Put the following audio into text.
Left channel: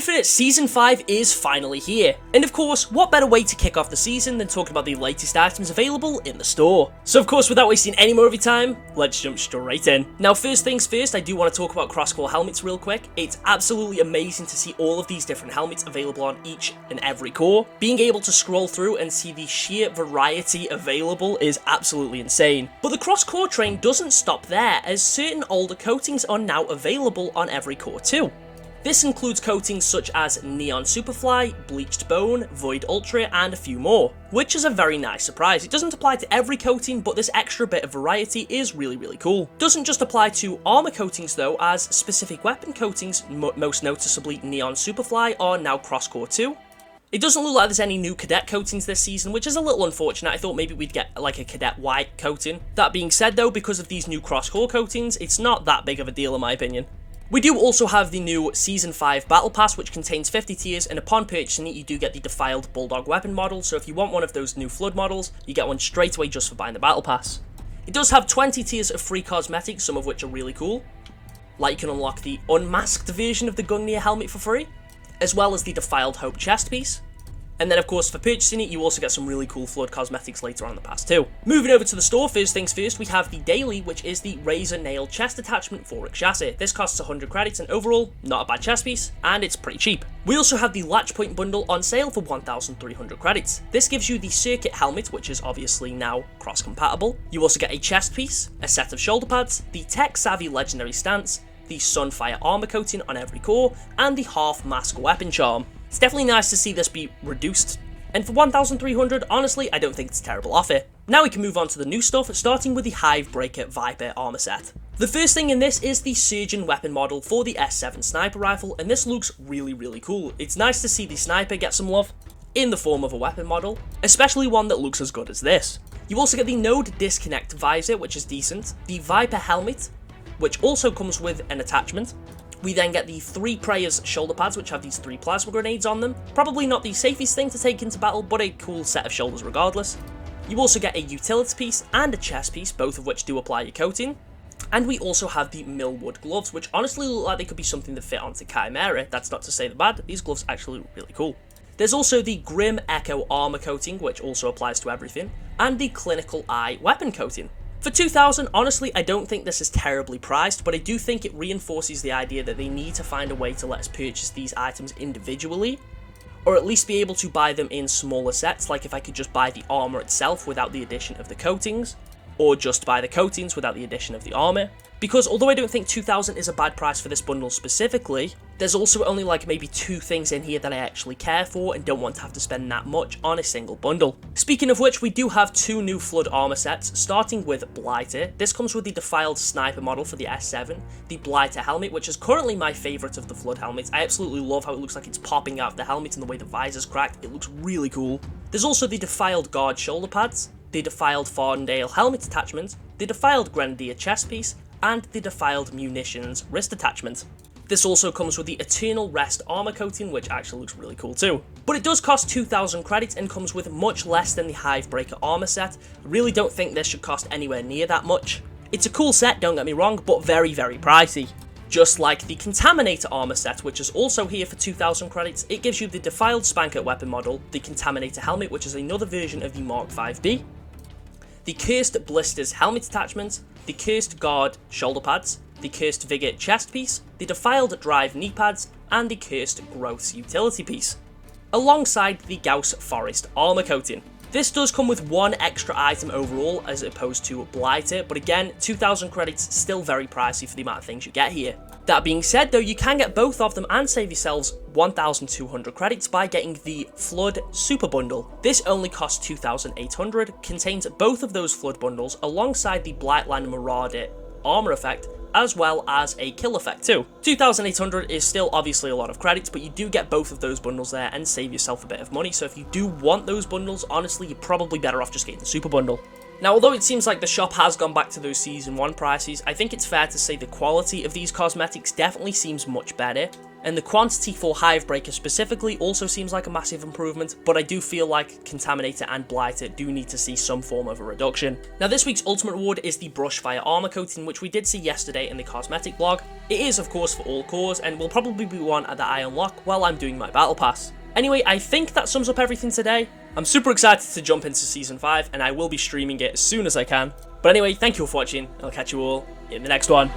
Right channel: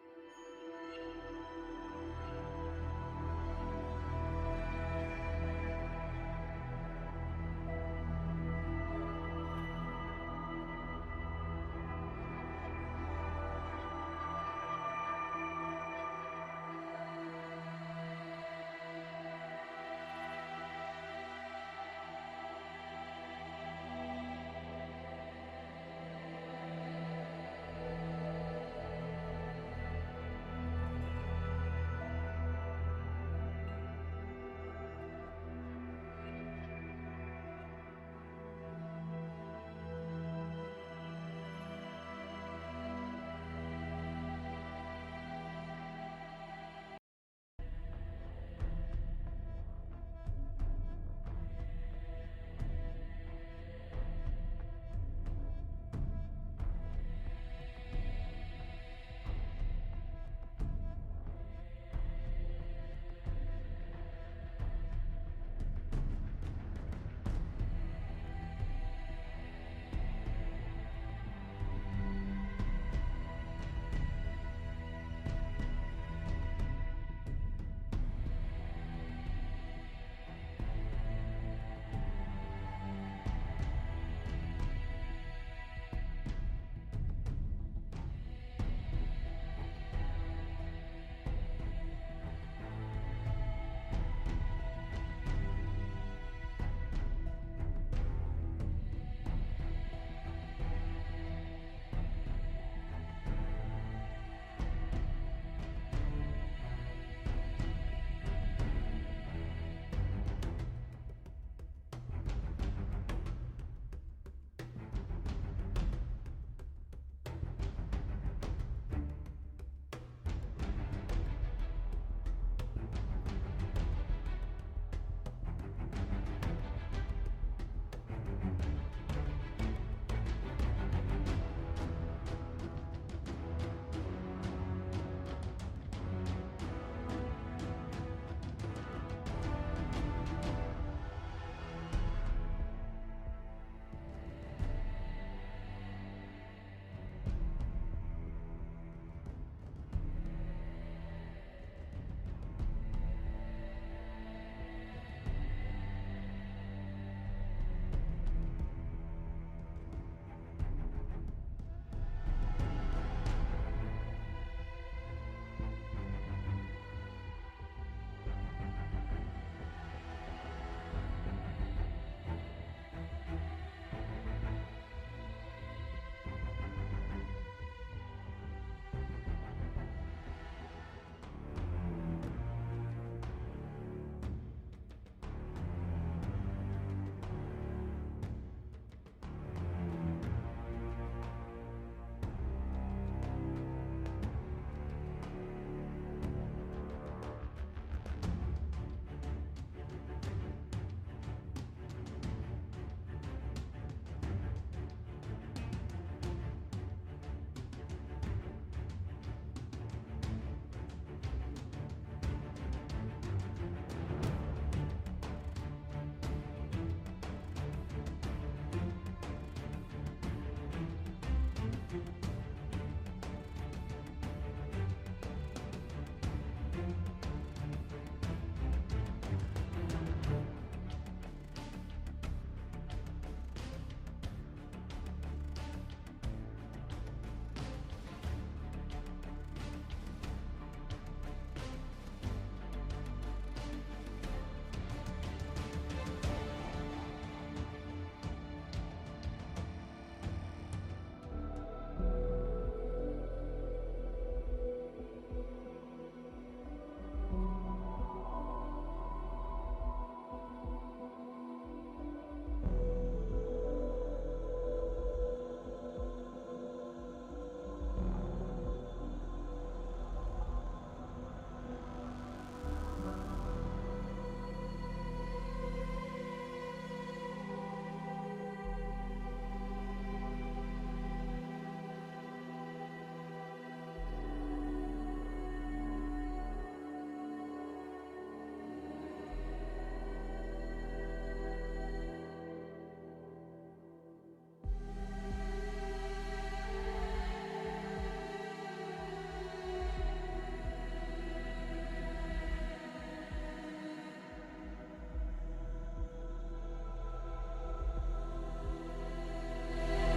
Infinite Season 5 is finally here, and of course, what better way to kick off the season than talking about the latest items available in the store. So of course, without wasting any more of your time, let's jump straight in. Now first things first, I do want to talk about Crosscore helmets real quick. It's absolutely amazing to see all of these different helmets available on each and every core. Being able to scroll through and see the sheer variety available is absolutely insane. But the Crosscore train doesn't stop there, as certain older coatings are now available on every core too. This includes coatings such as Neon Superfly, Bleached Bone, Void Ultra, and a few more, which is a very nice surprise. It doesn't apply to every coating, but this extra bit of variety is really cool. Doesn't just apply to armor coatings though, as specific weapon coatings, most noticeably Neon Superfly, are now Crosscore too. It doesn't look like there's any new cadet coatings this season, which is a little unfortunate. I thought maybe we'd get like a cadet white coating. That being said though, because of these new Crosscore coatings, it's not that big of a deal in my opinion. We do also have the new Season 5 Battle Pass, which contains 50 tiers, and upon purchasing it, you do get the Defiled Bulldog weapon model, so if you want one of those new Flood models, you get one straight away just for buying the Battle Pass. It does have 20 tiers of free cosmetics, some of which are really cool, like you can unlock the unmasked version of the Gungnir helmet for free, as well as the Defiled Hope chest piece. And then of course for purchasing it, you also get some really cool Flood cosmetics later on in the pass too. Moving over to the store, first things first, we have the daily, which is the Razor Nail chest attachment for Chassis. This costs 100 credits and overall, not a bad chest piece, and it's pretty cheap. We also have the Latch Point bundle on sale for 1,300 credits. This gives you the Circuit helmet, which is obviously now cross compatible. You also get a chest piece, a set of shoulder pads, the Tech Savvy legendary stance, the Sunfire armor coating on every core, and the half mask weapon charm. It's definitely nice to see this be reduced, and for 1,300, honestly, I don't think it's a terrible offer. Now we can move on to the new stuff, starting with the Hivebreaker Viper armor set. The first thing in this is the Surgeon weapon model for the S7 sniper rifle, and this looks really cool. It's nice to see the sniper get some love in the form of a weapon model, especially one that looks as good as this. You also get the Node Disconnect visor, which is decent, the Viper helmet, which also comes with an attachment. We then get the 3 Preyers shoulder pads, which have these 3 plasma grenades on them. Probably not the safest thing to take into battle, but a cool set of shoulders regardless. You also get a utility piece and a chest piece, both of which do apply your coating. And we also have the Millwood gloves, which honestly look like they could be something that fit onto Chimera. That's not to say they're bad, these gloves actually look really cool. There's also the Grim Echo armor coating, which also applies to everything, and the Clinical Eye weapon coating. For 2,000, honestly, I don't think this is terribly priced, but I do think it reinforces the idea that they need to find a way to let us purchase these items individually, or at least be able to buy them in smaller sets, like if I could just buy the armor itself without the addition of the coatings, or just buy the coatings without the addition of the armor. Because although I don't think 2,000 is a bad price for this bundle specifically, there's also only like maybe 2 things in here that I actually care for and don't want to have to spend that much on a single bundle. Speaking of which, we do have 2 new Flood armor sets, starting with Blighter. This comes with the Defiled Sniper model for the S7, the Blighter helmet, which is currently my favourite of the Flood helmets. I absolutely love how it looks like it's popping out of the helmet and the way the visor's cracked. It looks really cool. There's also the Defiled Guard shoulder pads, the Defiled Farndale helmet attachment, the Defiled Grenadier chest piece, and the Defiled Munitions wrist attachment. This also comes with the Eternal Rest armor coating, which actually looks really cool too. But it does cost 2,000 credits and comes with much less than the Hivebreaker armor set. I really don't think this should cost anywhere near that much. It's a cool set, don't get me wrong, but very pricey. Just like the Contaminator armor set, which is also here for 2,000 credits, it gives you the Defiled Spanker weapon model, the Contaminator helmet, which is another version of the Mark 5B, the Cursed Blisters helmet attachment, the Cursed Guard shoulder pads, the Cursed Vigor chest piece, the Defiled Drive knee pads, and the Cursed Growths utility piece, alongside the Gauss Forest armor coating. This does come with 1 extra item overall as opposed to Blighter, but again, 2,000 credits still very pricey for the amount of things you get here. That being said though, you can get both of them and save yourselves 1,200 credits by getting the Flood Super Bundle. This only costs 2,800, contains both of those Flood bundles alongside the Blightland Marauder armor effect, as well as a kill effect too. 2,800 is still obviously a lot of credits, but you do get both of those bundles there and save yourself a bit of money, so if you do want those bundles, honestly, you're probably better off just getting the Super Bundle. Now, although it seems like the shop has gone back to those Season 1 prices, I think it's fair to say the quality of these cosmetics definitely seems much better. And the quantity for Hivebreaker specifically also seems like a massive improvement, but I do feel like Contaminator and Blighter do need to see some form of a reduction. Now this week's ultimate reward is the Brush Fire Armor Coating, which we did see yesterday in the cosmetic blog. It is of course for all cores and will probably be one that I unlock while I'm doing my battle pass. Anyway, I think that sums up everything today. I'm super excited to jump into Season 5 and I will be streaming it as soon as I can. But anyway, thank you all for watching and I'll catch you all in the next one.